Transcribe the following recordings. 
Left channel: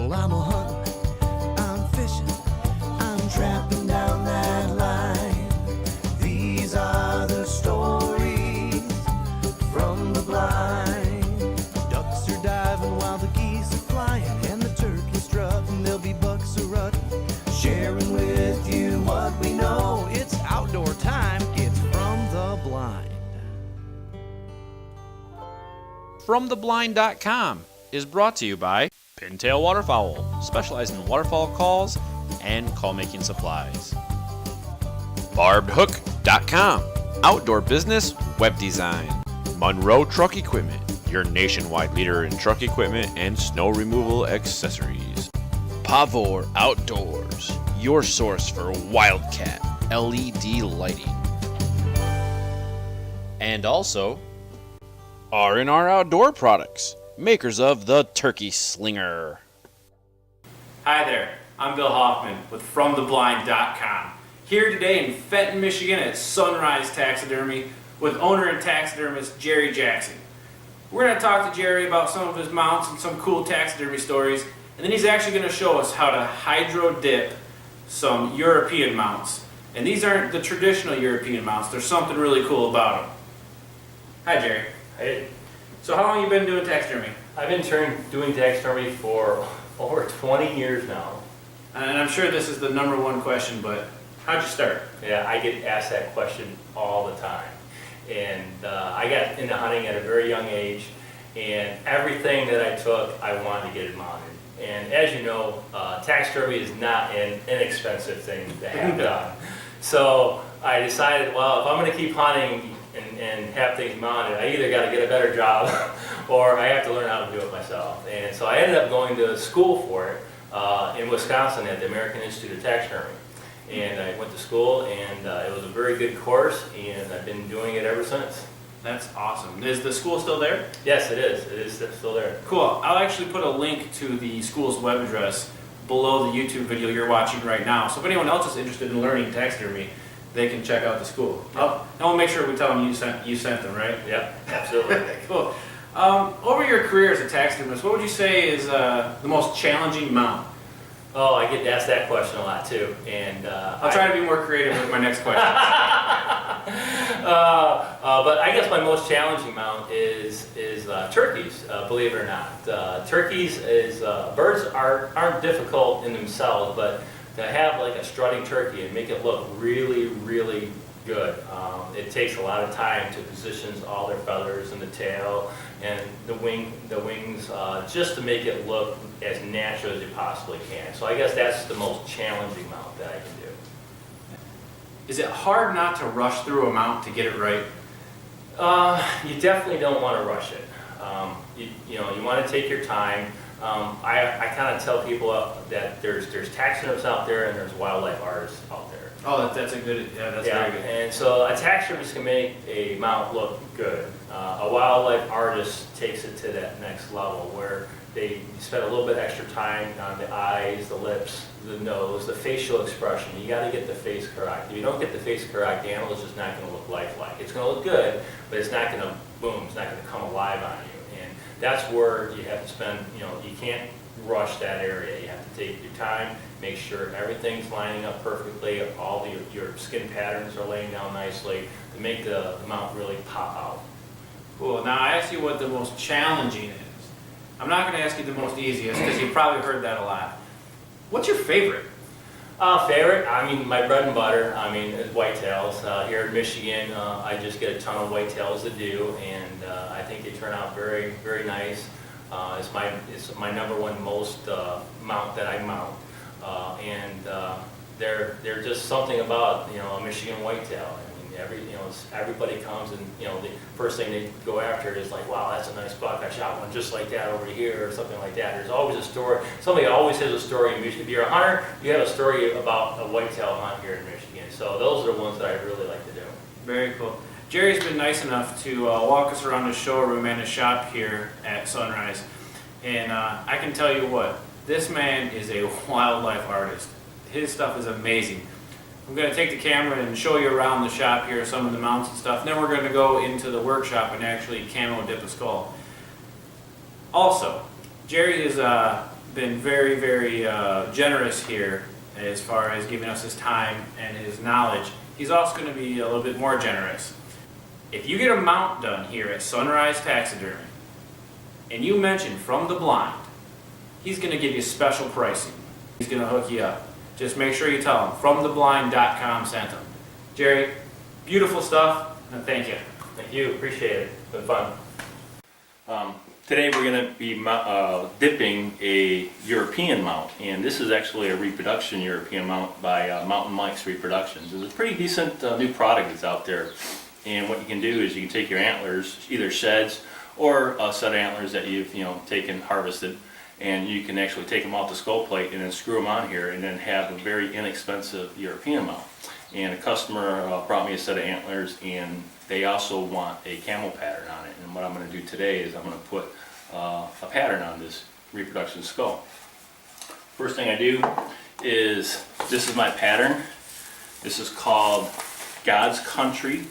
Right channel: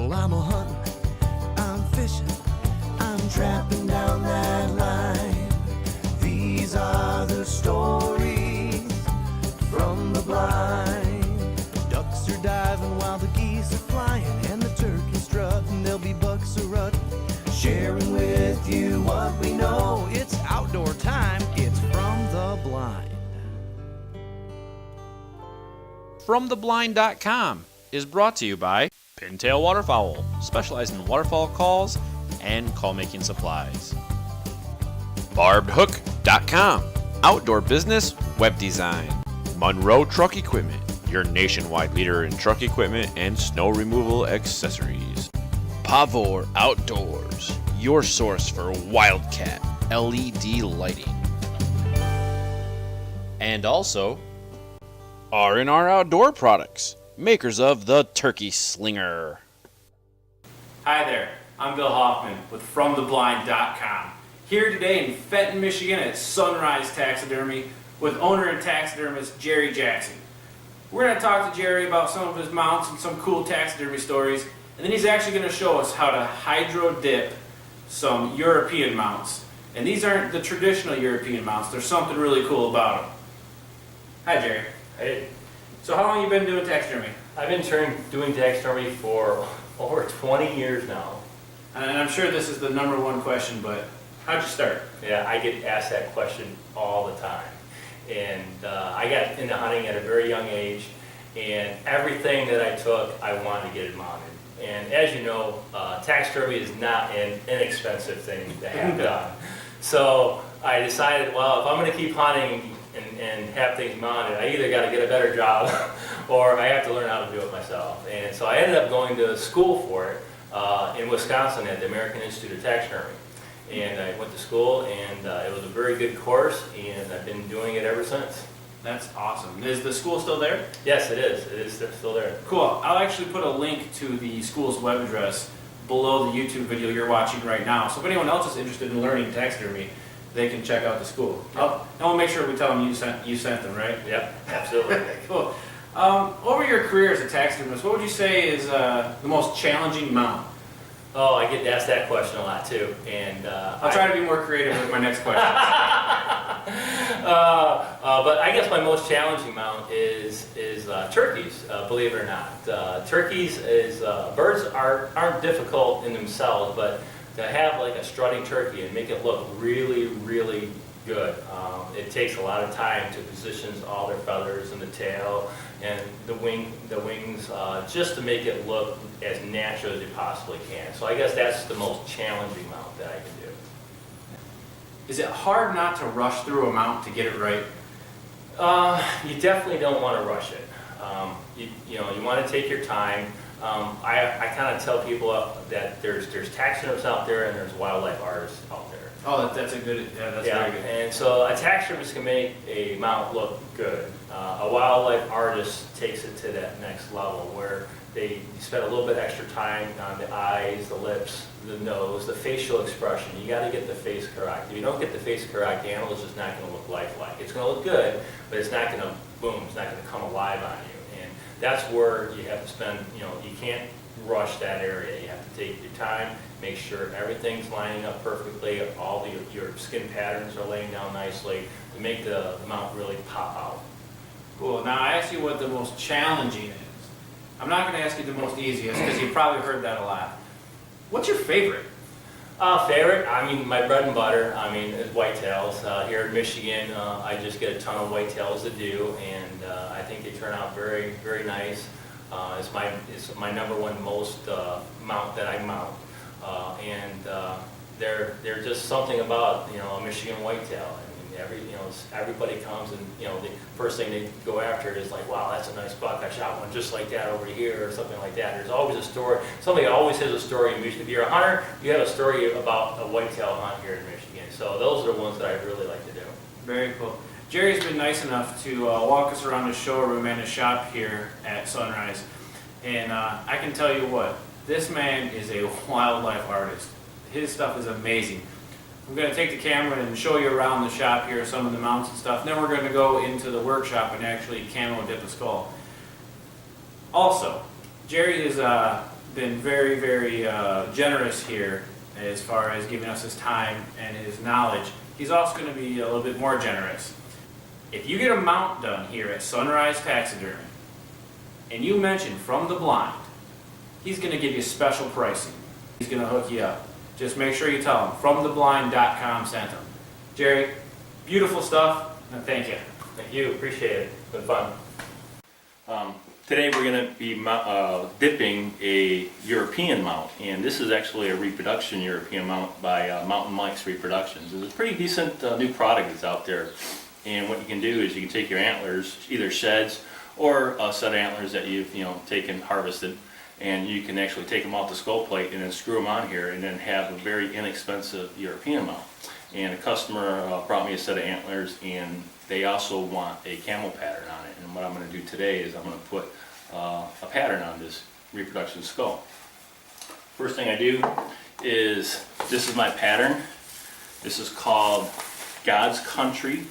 Well, I'm a hunting, I'm fishing, I'm trapping down that line. These are the stories from the blind. Ducks are diving while the geese are flying, and the turkeys strutting, there'll be bucks a rutting. Sharing with you what we know. It's outdoor time, it's From the Blind. FromTheBlind.com is brought to you by Pintail Waterfowl, specialized in waterfowl calls and call-making supplies. BarbedHook.com, outdoor business web design. Monroe Truck Equipment, your nationwide leader in truck equipment and snow removal accessories. Pavor Outdoors, your source for Wildcat LED lighting. And also, R&R Outdoor Products, makers of the Turkey Slinger. Hi there, I'm Bill Hoffman with FromTheBlind.com. Here today in Fenton, Michigan at Sunrise Taxidermy with owner and taxidermist Jerry Jackson. We're going to talk to Jerry about some of his mounts and some cool taxidermy stories, and then he's actually going to show us how to hydro dip some European mounts. And these aren't the traditional European mounts, there's something really cool about them. Hi Jerry. Hey, So how long have you been doing taxidermy? I've been doing taxidermy for over 20 years now. And I'm sure this is the number one question, but how'd you start? Yeah, I get asked that question all the time. And I got into hunting at a very young age, and everything that I took, I wanted to get it mounted. And as you know, taxidermy is not an inexpensive thing to have done. So I decided, well, if I'm going to keep hunting and have things mounted, I either got to get a better job or I have to learn how to do it myself. And so I ended up going to school for it in Wisconsin at the American Institute of Taxidermy. And I went to school, and it was a very good course, and I've been doing it ever since. That's awesome. Is the school still there? Yes, it is. It is still there. Cool. I'll actually put a link to the school's web address below the YouTube video you're watching right now. So if anyone else is interested in learning taxidermy, they can check out the school. Yep. And we'll make sure we tell them you sent them, right? Yep, absolutely. Cool. Over your career as a taxidermist, what would you say is the most challenging mount? Oh, I get asked that question a lot too, and I'll try to be more creative with my next question. But I guess my most challenging mount is turkeys. Believe it or not, turkeys is birds aren't difficult in themselves, but to have like a strutting turkey and make it look really, really good, it takes a lot of time to position all their feathers and the tail and the wings, just to make it look as natural as you possibly can. So I guess that's the most challenging mount that I can do. Is it hard not to rush through a mount to get it right? You definitely don't want to rush it. You want to take your time. I kind of tell people that there's taxidermists out there and there's wildlife artists out there. Oh, that's a good, that's very good. And so a taxidermist can make a mount look good. A wildlife artist takes it to that next level where they spend a little bit extra time on the eyes, the lips, the nose, the facial expression. You got to get the face correct. If you don't get the face correct, the animal is just not going to look lifelike. It's going to look good, but it's not going to, boom, it's not going to come alive on you. And that's where you have to spend, you can't rush that area. You have to take your time, make sure everything's lining up perfectly, all your skin patterns are laying down nicely to make the mount really pop out. Cool. Now I asked you what the most challenging is. I'm not going to ask you the most easiest because you've probably heard that a lot. What's your favorite? Favorite? My bread and butter, is whitetails. Here in Michigan, I just get a ton of whitetails to do, and I think they turn out very, very nice. It's my number one most mount that I mount, and they're just something about a Michigan whitetail. Everybody comes and the first thing they go after is like, wow, that's a nice buck. I shot one just like that over here, or something like that. There's always a story. Somebody always has a story in Michigan. If you're a hunter, you have a story about a whitetail hunt here in Michigan. So those are the ones that I really like to do. Very cool. Jerry's been nice enough to walk us around his showroom and his shop here at Sunrise. And I can tell you what, this man is a wildlife artist. His stuff is amazing. I'm going to take the camera and show you around the shop here, some of the mounts and stuff. And then we're going to go into the workshop and actually camo dip a skull. Also, Jerry is been very, very generous here as far as giving us his time and his knowledge. He's also going to be a little bit more generous. If you get a mount done here at Sunrise Taxidermy, and you mention From the Blind, he's going to give you special pricing. He's going to hook you up. Just make sure you tell him FromTheBlind.com sent him. Jerry, beautiful stuff, and thank you. Thank you, appreciate it. It's been fun. Today we're going to be dipping a European mount, and this is actually a reproduction European mount by Mountain Mike's Reproductions. It's a pretty decent new product that's out there, and what you can do is you can take your antlers, either sheds or a set of antlers that you've taken, harvested, and you can actually take them off the skull plate and then screw them on here and then have a very inexpensive European mount. And a customer brought me a set of antlers, and they also want a camel pattern on it. And what I'm going to do today is I'm going to put a pattern on this reproduction skull. First thing I do is, this is my pattern. This is called God's Country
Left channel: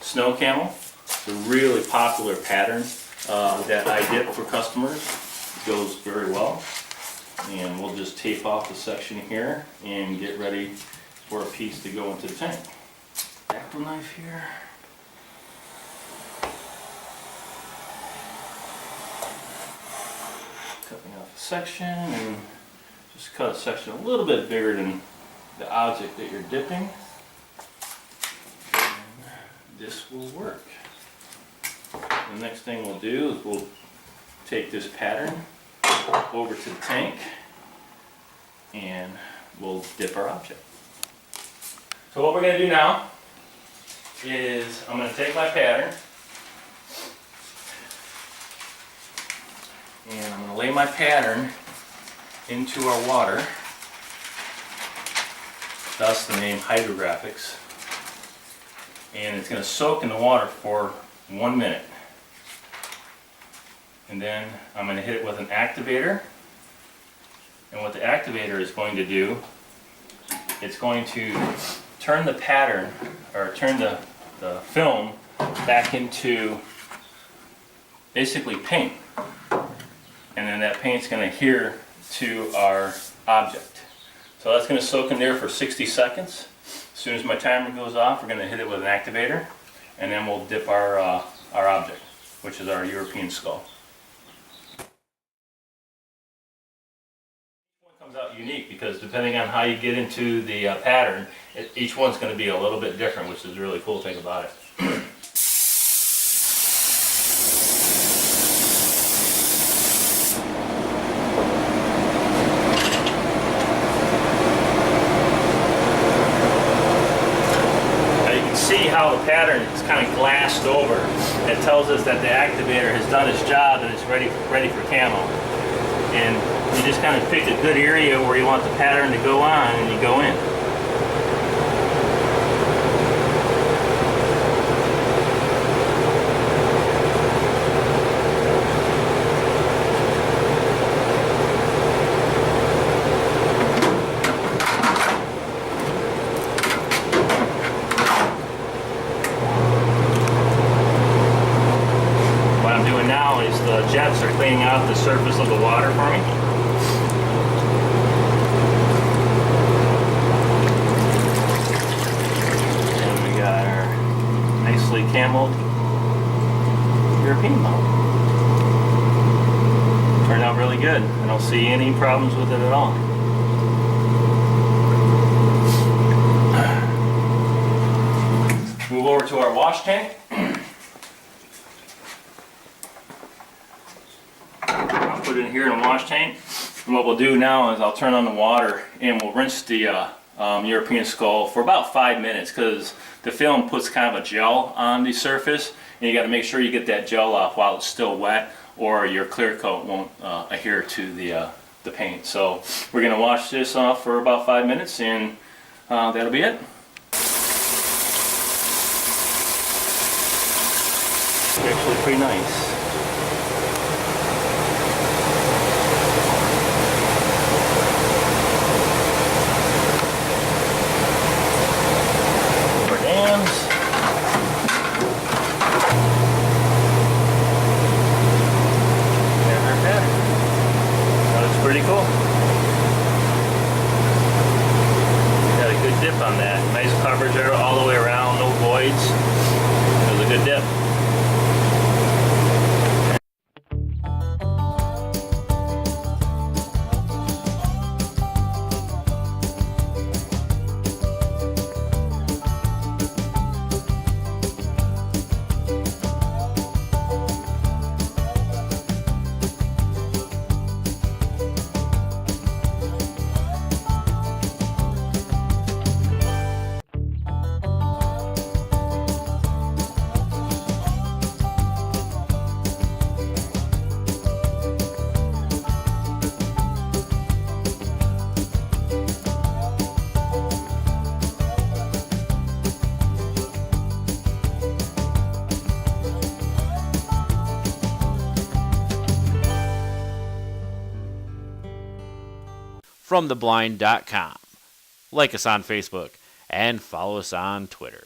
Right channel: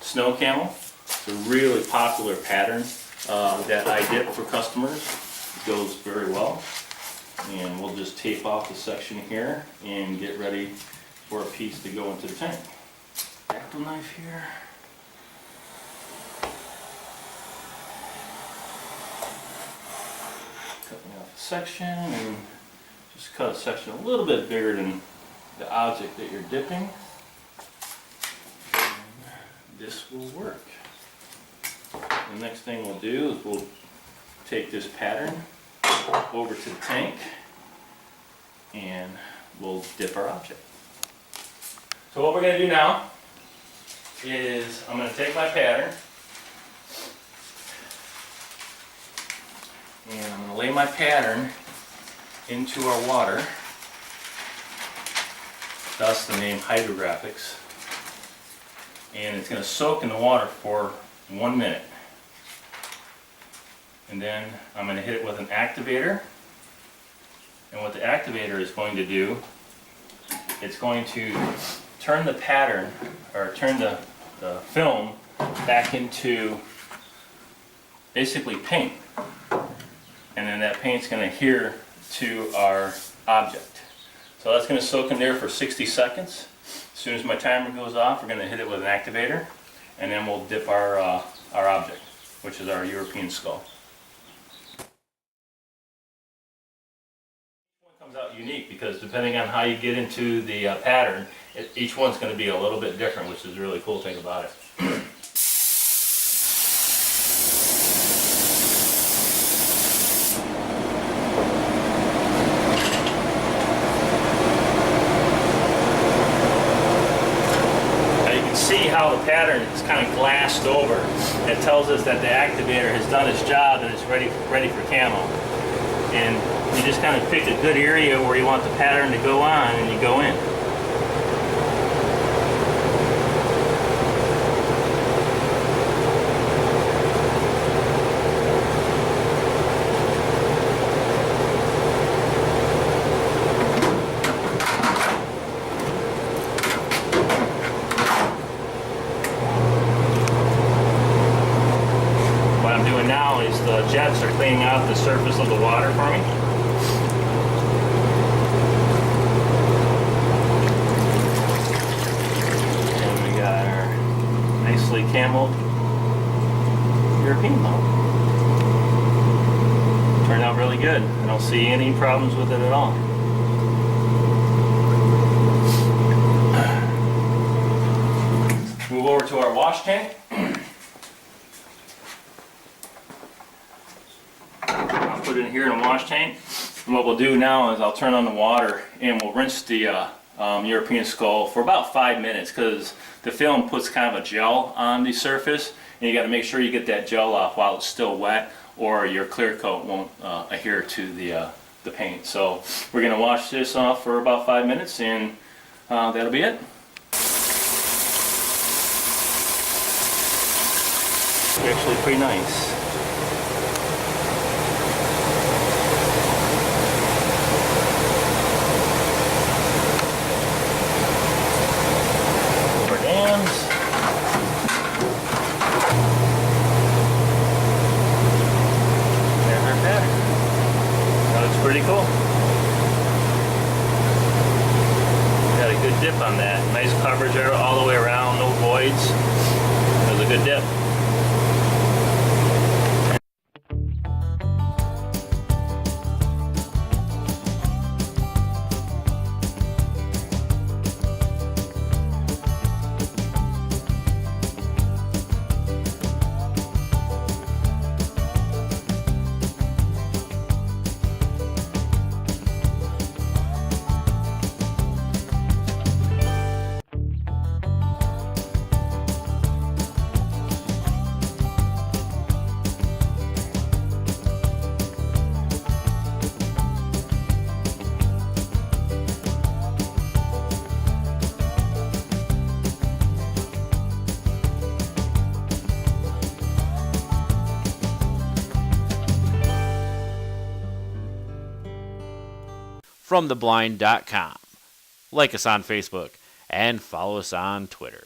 Snow Camel. It's a really popular pattern that I dip for customers. It goes very well. And we'll just tape off the section here and get ready for a piece to go into the tank. Dactyl knife here. Cutting off a section, and just cut a section a little bit bigger than the object that you're dipping. And this will work. The next thing we'll do is we'll take this pattern over to the tank and we'll dip our object. So what we're going to do now is I'm going to take my pattern and I'm going to lay my pattern into our water, thus the name hydrographics, and it's going to soak in the water for 1 minute. And then I'm going to hit it with an activator, and what the activator is going to do, it's going to turn the pattern, or turn the film back into basically paint. And then that paint's going to adhere to our object. So that's going to soak in there for 60 seconds. As soon as my timer goes off, we're going to hit it with an activator, and then we'll dip our object, which is our European skull. Comes out unique because depending on how you get into the pattern, each one's going to be a little bit different, which is a really cool thing about it. Now you can see how the pattern is kind of glassed over. It tells us that the activator has done its job and it's ready for camo. And you just kind of pick a good area where you want the pattern to go on, and you go in. What I'm doing now is the jets are cleaning out the surface of the water for me. Cameled European mount. Turned out really good. I don't see any problems with it at all. Move over to our wash tank. I'll put it in here in a wash tank. And what we'll do now is I'll turn on the water and we'll rinse the European skull for about 5 minutes, because the film puts kind of a gel on the surface, and you got to make sure you get that gel off while it's still wet, or your clear coat won't adhere to the paint. So we're going to wash this off for about 5 minutes, and that'll be it. It's actually pretty nice. pretty cool. Got a good dip on that. Nice coverage all the way around, no voids. It was a good dip. FromTheBlind.com. Like us on Facebook and follow us on Twitter.